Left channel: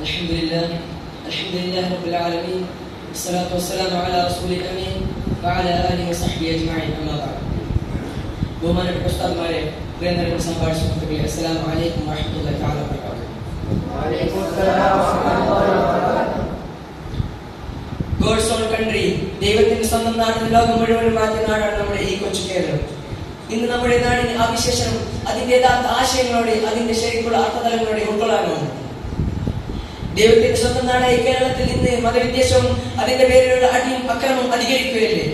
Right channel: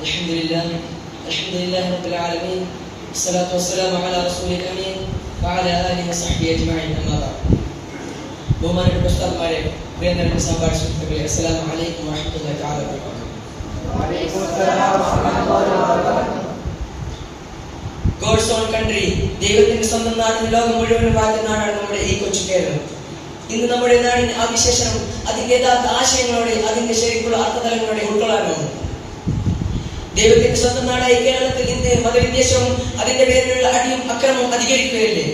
Alhamdulillah Rabbil Alamin. Wassalatu wassalamu ala Rasulil Amin wa ala alihi wa sahbihi ajma'in. Amma ba'd. ബഹുമാനപ്പെട്ട ഉസ്താദുമാരെ, പ്രിയങ്കരന്റെ സംഭാഷണത്തിലെ അസ്സലാമു അലൈക്കും വറഹ്മത്തുള്ളാഹി തആല വബറകാതുഹു. വഅലൈക്കും അസ്സലാം വറഹ്മത്തുള്ളാഹി വബറകാതുഹു. ഗോഡ്സ് ഓൺ കൺട്രി, ദൈവത്തിന്റെ സ്വന്തം നാട്ടിൽ ലോകം മുഴുവനും വാഴ്ത്തുന്ന നാടാണ് നമ്മുടെ ഈ കൊച്ചു കേരളം. ഇന്ന് നമ്മുടെ നാടിന് ആ വിശേഷം അതിന്റെ യഥാർത്ഥ ആശയങ്ങളോടെ അതിന്റെ ശരിക്കുള്ള അർത്ഥതലങ്ങളോടെ ഉൾക്കൊള്ളാനാണ്. ദൈവത്തിന്റെ സ്വന്തം നാടായ കേരളത്തിൽ ഇന്ന് മതവിദ്വേഷവും അതിന്റെ പേരിലുള്ള അടിയും അക്രമവും അധികരിക്കുകയല്ലേ.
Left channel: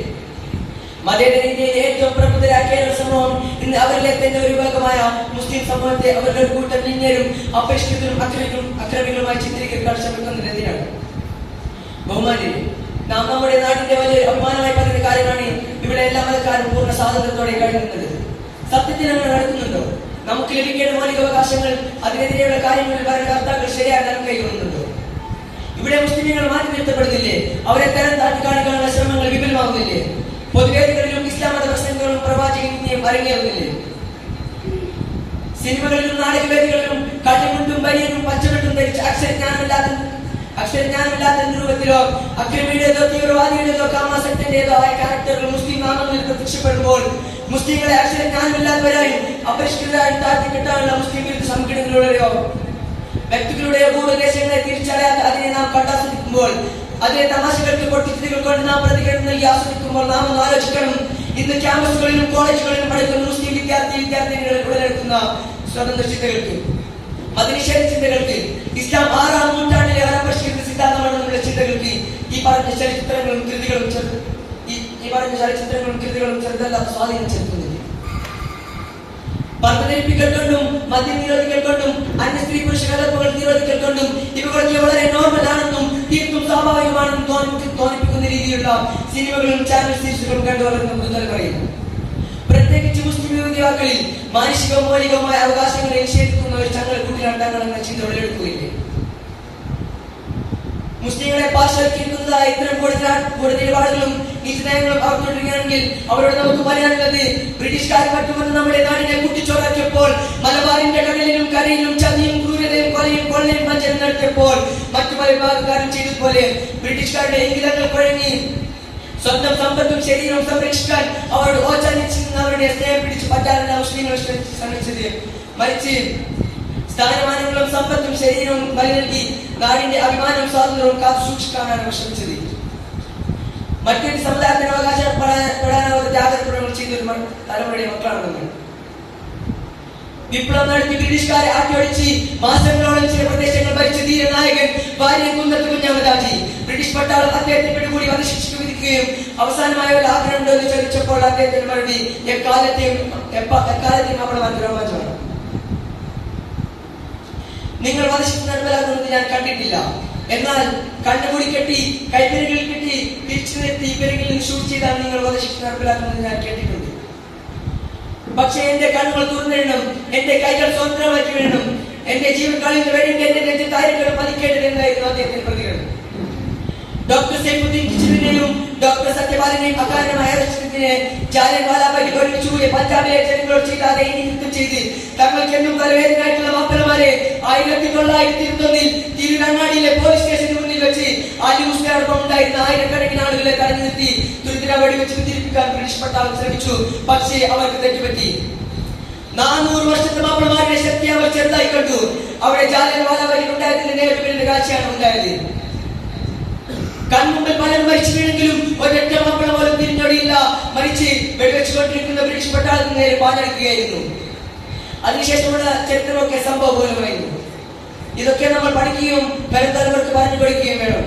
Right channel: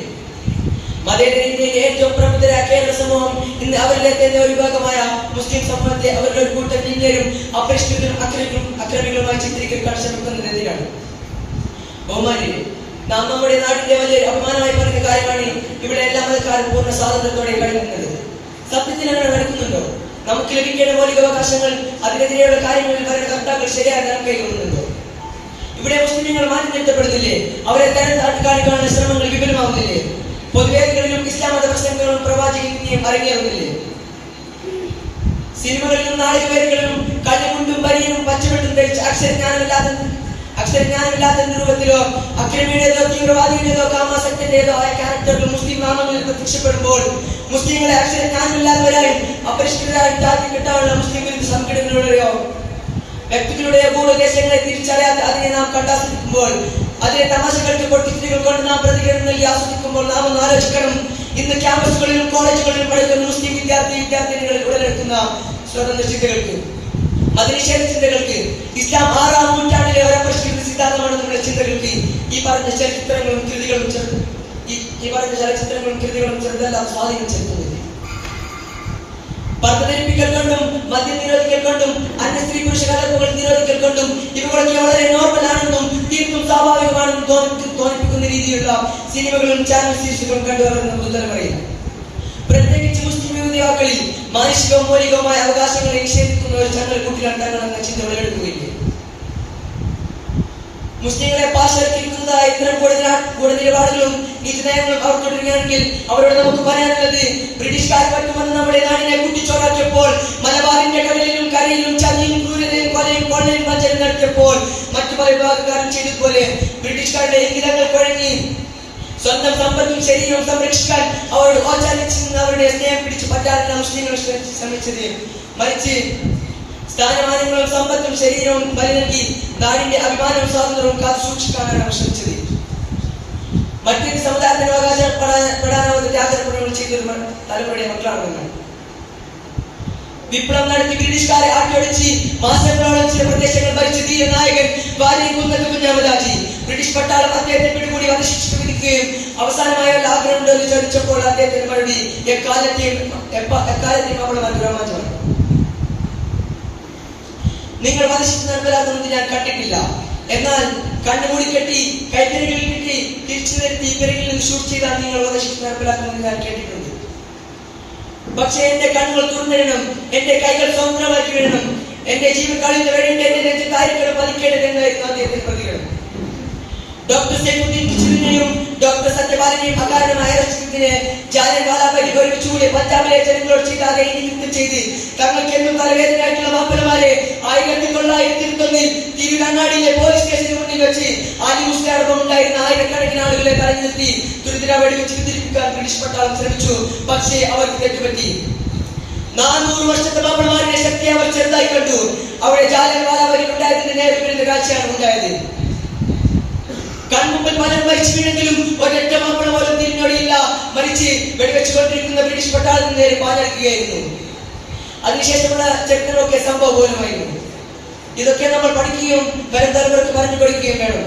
മതേതര ഇന്ത്യയിലെ ഏറ്റവും പ്രബുദ്ധരായ കേരള സമൂഹം ഇന്ന് അവരിലെ തന്നെ ഒരു വിഭാഗമായ മുസ്ലിം സമൂഹത്തെ അവരുടെ ഒരു കൂട്ടം ഭിന്നരും അപരിഷ്കൃതരും അക്രമികളുമായി ചിത്രീകരിക്കാൻ ശ്രമിക്കുന്നതിനെതിരാണ്. ബഹുമാനിയെ, നാം നമ്മുടെ നാടിന്റെ വലിയൊരു അപമാനമായി പറയുന്ന കാര്യമാണ് ഇവിടെ എല്ലാ മതക്കാരും പൂർണ്ണ സ്വാതന്ത്ര്യത്തോടെ കഴിയുന്നത്. സത്യത്തിൽ അങ്ങനെ നടക്കുന്നുണ്ടോ? നമുക്ക് ലഭിക്കേണ്ട മൗലികാവകാശങ്ങൾ അതിനെതിരെയുള്ള കാര്യങ്ങളിൽ ഭരണകർത്താക്കൾ ശരിയായി നമുക്ക് കൈകൊള്ളുന്നുണ്ടോ? ഇവിടെ മുസ്ലിങ്ങൾ മാറ്റി നിർത്തപ്പെടുന്നില്ലേ? അവരെ തരം താഴ്ത്തി കാണിക്കാനുള്ള ശ്രമങ്ങൾ വിപുലമാവുന്നില്ലേ? പൊതുവേദികളിലും ഇസ്ലാം മത പ്രസംഗങ്ങളും പ്രവാചകനെയും അരങ്ങേറുന്നില്ലേ? സിനിമകളിലും നാടകവേദികളിലും കണ്ണുകൊണ്ടും ബനിയനും പച്ചവെട്ടും ധരിച്ച് അക്ഷരജ്ഞാനമില്ലാത്ത രൂപത്തിലോ അക്രമിയുടേതോ തീവ്രവാദിയുടേതോ കാമാസക്തന്റേതോ ആയ ക്യാരക്ടറുകൾ മുസ്ലിം നാമങ്ങളിൽ പ്രത്യക്ഷപ്പെടുമ്പോൾ മുസ്ലിങ്ങളെ അക്ഷരജ്ഞാനമില്ലാത്തവരായും അപരിഷ്കൃതരായും താഴ്ത്തിക്കെട്ടാനുള്ള മുസ്ലിം വിരുദ്ധ സംഘടനകളുടെയോ വ്യക്തികളുടെയോ ഭൂപ്രദേശങ്ങളെ തിരിച്ചറിയാതെ അതിനെ നാം കണ്ടാസ്വദിക്കുമ്പോൾ, അതിലെ തമാശകൾക്ക് പൊട്ടിച്ചിരികൾ കൊണ്ട് നാം പ്രതികരണം നൽകി ആസ്വദിക്കുമ്പോൾ നാം ഒന്ന് ആലോചിക്കണം. ഇന്ന് ക്യാമ്പസുകളിലും കോളേജുകളിലും പഠിക്കുന്ന മുസ്ലിം വിദ്യാർത്ഥിനികൾ ഉടലെടുക്കുന്ന സ്വതന്ത്ര ചിന്തകൾക്ക്, മതനിഷേധ ചിന്തകൾക്ക്, ഇസ്ലാം 6-ാം നൂറ്റാണ്ടിലെ പരമ്പരാഗത സിദ്ധാന്തമാണ് നമ്മുടെ ചിന്തകൾക്ക് ഈ പറഞ്ഞ ചലച്ചിത്രങ്ങളും കൃതികളും ചെറുതല്ലാത്ത സ്വാധീനം ചെലുത്തുന്നത്. പർദ്ധനിപ്പിക്കൽ കൊണ്ടും മദ്യം നിരോധിക്കൽ കൊണ്ടും അന്യ സ്ത്രീ പുരുഷ കലർപ്പുകൾ നിരോധിക്കൽ കൊണ്ടും ഇവകളൊക്കെ വളരെ നോർമൽ ആണെന്നും തീർത്തും സ്വാഭാവികമാണെന്നും തോന്നിപ്പിക്കുന്ന രീതിയിലുള്ള സിനിമകളും ചാനൽ സീരീസുകളും കണ്ടുവരുന്ന പുതുതലമുറയിൽ, പ്രത്യേകിച്ച് മുസ്ലിം യുവതികളിൽ മാനുഷികവും മൗലികവുമായ അവകാശങ്ങളെ നിഷേധിക്കുന്ന ഒരു ചങ്ങല കൂട്ടിനാട്ടാണെന്ന ചിന്ത ഉടലെടുക്കുകയില്ലേ? മുസ്ലിങ്ങളെ പാർശ്വവൽക്കരിക്കുന്നതായ ഇത്തരം കൂടുതൽ നിലപാടുകളും നീതിനയങ്ങളും അവർ തുടരുകയാണെങ്കിൽ അവരോട് നമുക്ക് പറയാനുള്ളത്, ബ്രിട്ടീഷുകാർ പറ്റുമെന്ന് നമ്മുടെ നാടിനെ കുട്ടിച്ചോറാക്കിയപ്പോൾ, മലബാറിന്റെ കടലിലും കരയിലും ചതിയും ക്രൂരതയും കൊലയും കൊള്ളയും വഞ്ചനയും നടത്തിയപ്പോൾ മറ്റു പല വിഭാഗക്കാരും ചെയ്തതുപോലെ ബ്രിട്ടീഷുകാരുടെ ഇംഗിതങ്ങൾ കുഴങ്ങി സ്വന്തം സമ്പത്തും ശരീരവും സംരക്ഷിക്കാൻ അവരോട് ഓച്ചാനിച്ചിരുന്ന അവരുടെ സ്നേഹം പിടിച്ചു പറ്റാനല്ല മുസ്ലിങ്ങൾ ശ്രമിച്ചത്. മറിച്ച് സ്ഥാനമാനങ്ങളും സമ്പത്തും ശരീരവും ബലി നൽകി നാടിന്റെ അഭിമാനവും സ്വാതന്ത്ര്യവും കാത്തു സൂക്ഷിക്കാനാണ് ശ്രമിച്ചത്. മറ്റൊരു സമുദായത്തിന് അവകാശപ്പെടാനാവാത്ത ത്യാഗപ്രകടനങ്ങൾ ചെയ്ത ഒരു തലമുറയുടെ മക്കളാണെന്ന് വിപ്ലവം നടത്തി ബ്രിട്ടീഷുകാരെ ആട്ടിയൊടിച്ച് മാസങ്ങളോളം ചില പ്രദേശങ്ങൾ ഭരിച്ച ധീരനായകൻ ഭാര്യ കുന്നത്ത് കുഞ്ഞാമദാജി ബ്രിട്ടീഷ് പട്ടാളം അദ്ദേഹത്തെ പിടികൂടി വധശിക്ഷ വിധിക്കുകയും അവസാനമായ ഒരു ആഗ്രഹമുണ്ടോ എന്ന് ചോദിച്ചപ്പോൾ അദ്ദേഹത്തിന്റെ മറുപടി എക്കാലത്തെയും അവൾ രോമാഞ്ചമാണ്. നിങ്ങൾ വധശിക്ഷ നടപ്പിലാക്കുന്നത് ഞാൻ കണ്ടിട്ടില്ല, എന്നാൽ കണ്ണുകൂടി കെട്ടി കൈപ്പിരകളിൽ കെട്ടി തിരിച്ചു നിർത്തി പിറകിൽ ഷൂട്ട് ചെയ്താൽ നിങ്ങൾ വധശിക്ഷ നടപ്പിലാക്കുന്നത് ഞാൻ കേട്ടിട്ടുണ്ട്. പക്ഷേ എന്റെ കണ്ണുകൾ തുറന്നിടണം, എന്റെ കൈകൾ സ്വതന്ത്രമാക്കി വിടണം, എന്റെ ജീവൻ കളിയിൽ വേണ്ടി എന്റെ നെഞ്ചത്തായിരിക്കണം പതിക്കേണ്ടതെന്നായിരുന്നു അദ്ദേഹത്തിന്റെ പ്രതികരണം. ഡോക്ടർ സൈഫുദ്ദീൻ കിച്ചിലിനെയും ഡോക്ടർ സത്യപാലനെയും അകാരണമായ അറസ്റ്റിനെ ജാലിയൻവാലാബാഗ് ഒരുമിച്ചുകൂടി പഞ്ചാബിലെ ജനങ്ങളോട് ചെയ്താതെ നീക്കം ചെയ്ത് തങ്ങൾക്കെന്നും തലവേദനയായിട്ടുള്ള മാപ്പിളമാരെ 1921 തിരുവണ്ണാടിയിലെ പോലീസ് സ്റ്റേഷന് മുന്നിൽ വെച്ച് ആലി മുസ്ലിയോടൊപ്പം ഉണ്ടായിരുന്ന ആയിരക്കണക്കിന് ആളുകളെ തടഞ്ഞു നിർത്തി തുരിതര വെടിവെച്ച് പിന്തിരിപ്പിക്കാൻ ബ്രിട്ടീഷ് പട്ടാളം ശ്രമിച്ചു. പക്ഷേ അവർക്ക് തെറ്റുപറ്റി. 400 വർഷത്തെ മാപ്പിളമാരുടെ ശക്തി അവർ ചെറുതായി കണ്ടു. അവിടെ ജാലിയൻവാലാബാഗിൽ ഉണ്ടായതിന്റെ നേരിടുന്ന കാഴ്ചയാണ് ഉണ്ടായത്. കൺമുമ്പിൽ പലരും മരിച്ചു വീണെങ്കിലും ഒരൊറ്റ മാപ്പിള പോലും തിരിഞ്ഞൊടിയില്ല. മരിച്ച് വെടിവെച്ചുകൊണ്ടിരിക്കുന്ന ബ്രിട്ടീഷ് പട്ടാളത്തിന് നേരെ പാഞ്ഞെടുക്കുകയായിരുന്നു. അതിനുശേഷമുള്ള ചരിത്രമൊക്കെ സംഭവബോധമായിരുന്നു. ഇതൊക്കെ നമ്മൾ പഠിക്കുകയും വരും തലമുറക്ക് പറഞ്ഞു കൊടുക്കുകയും വേണം.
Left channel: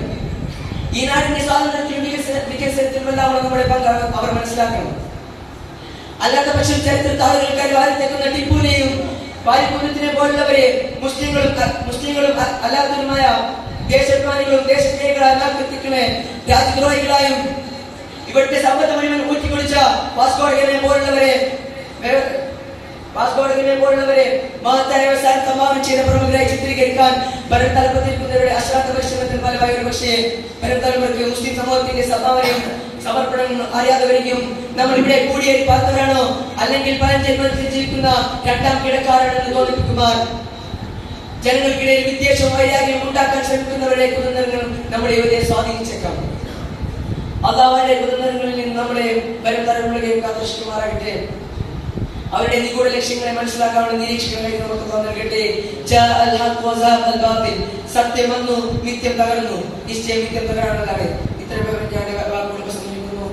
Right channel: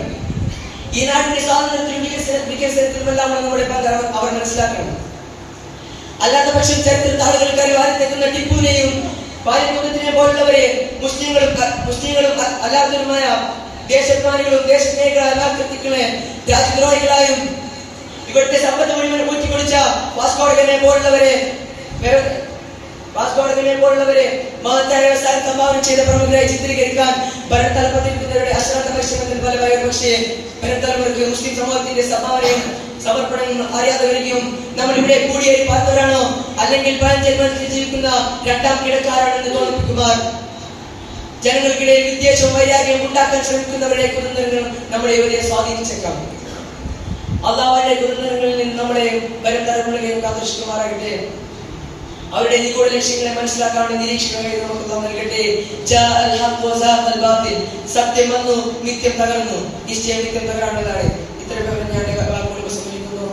ഈ നാടിന്റെ സ്വാതന്ത്ര്യത്തിലും വികസനത്തിലുമെല്ലാം നമ്മുടെ പങ്ക് അവർ മനസ്സിലാക്കണം. അല്ലാത്ത പക്ഷം ചരിത്രത്തിൽ ആളുകൾക്ക് വാരിത്തെത്തുന്ന ടിപ്പുവിനെയും വാരിക്കുന്നതിനെ പോലുള്ളവരെ മുസ്ലിങ്ങളും അല്ലാത്തവരുമായ ദേശാഭിമാനികളും ദേശസ്നേഹികളായ വ്യക്തികളെ രാജ്യദ്രോഹികളായും ഇവിടുത്തെ സമ്പത്ത് മുഴുവൻ ഊറ്റിക്കൊടിച്ച വാസ്കോഡഗമയെ പോലുള്ളവരെ മഹത്തായ വ്യവസായം സംഭാവന ചെയ്ത പ്രമുഖരായി ചിത്രീകരിക്കാൻ വരും തലമുറയുടെ അശ്രാന്ത പരിശ്രമത്തിന് ഫലമായി ഒരു പക്ഷേ വരും തലമുറയ്ക്ക് മുസ്ലിം സമൂഹത്തിന്റെ സംഭാവനയും സമർപ്പണങ്ങളും അറിയാതെ വരികയും നമ്മൾ ഇവിടെ കൂടിയേറി പറഞ്ഞവരാണോ അല്ലെങ്കിൽ പഴഞ്ചന്മത്തിൽ ജീവിക്കുന്ന രണ്ടാം കിടക്കാരാണെന്ന് തോന്നിപ്പിക്കുവാൻ ജനങ്ങൾക്കിടയിൽ വിദ്വേഷവും വൈരാഗ്യം ഉണ്ടാക്കാൻ ശ്രമിക്കുന്നവരുടെ കുതന്ത്രങ്ങൾ നമ്മളെ ഇവരെ സ്വാധീനിച്ചേക്കാം. അല്ലാഹു അവരുടെ കുതന്ത്രങ്ങളിൽ നിന്ന് നമ്മളെ വരും തലമുറകളെയും കാത്തുരക്ഷിക്കുമാറാകട്ടെ. അവരുടെ നിഗൂഢ ലക്ഷ്യങ്ങളെ മനസ്സിലാക്കാനുള്ള നിരീക്ഷണങ്ങളെ നമുക്ക് നൽകട്ടെ. സത്യം വന്നു, നിത്യം തകർന്നു. നിശ്ചയം നിത്യം തകരാനുള്ളതാണ്. ഇത്രയും ഞാൻ സമർപ്പിക്കുന്നു.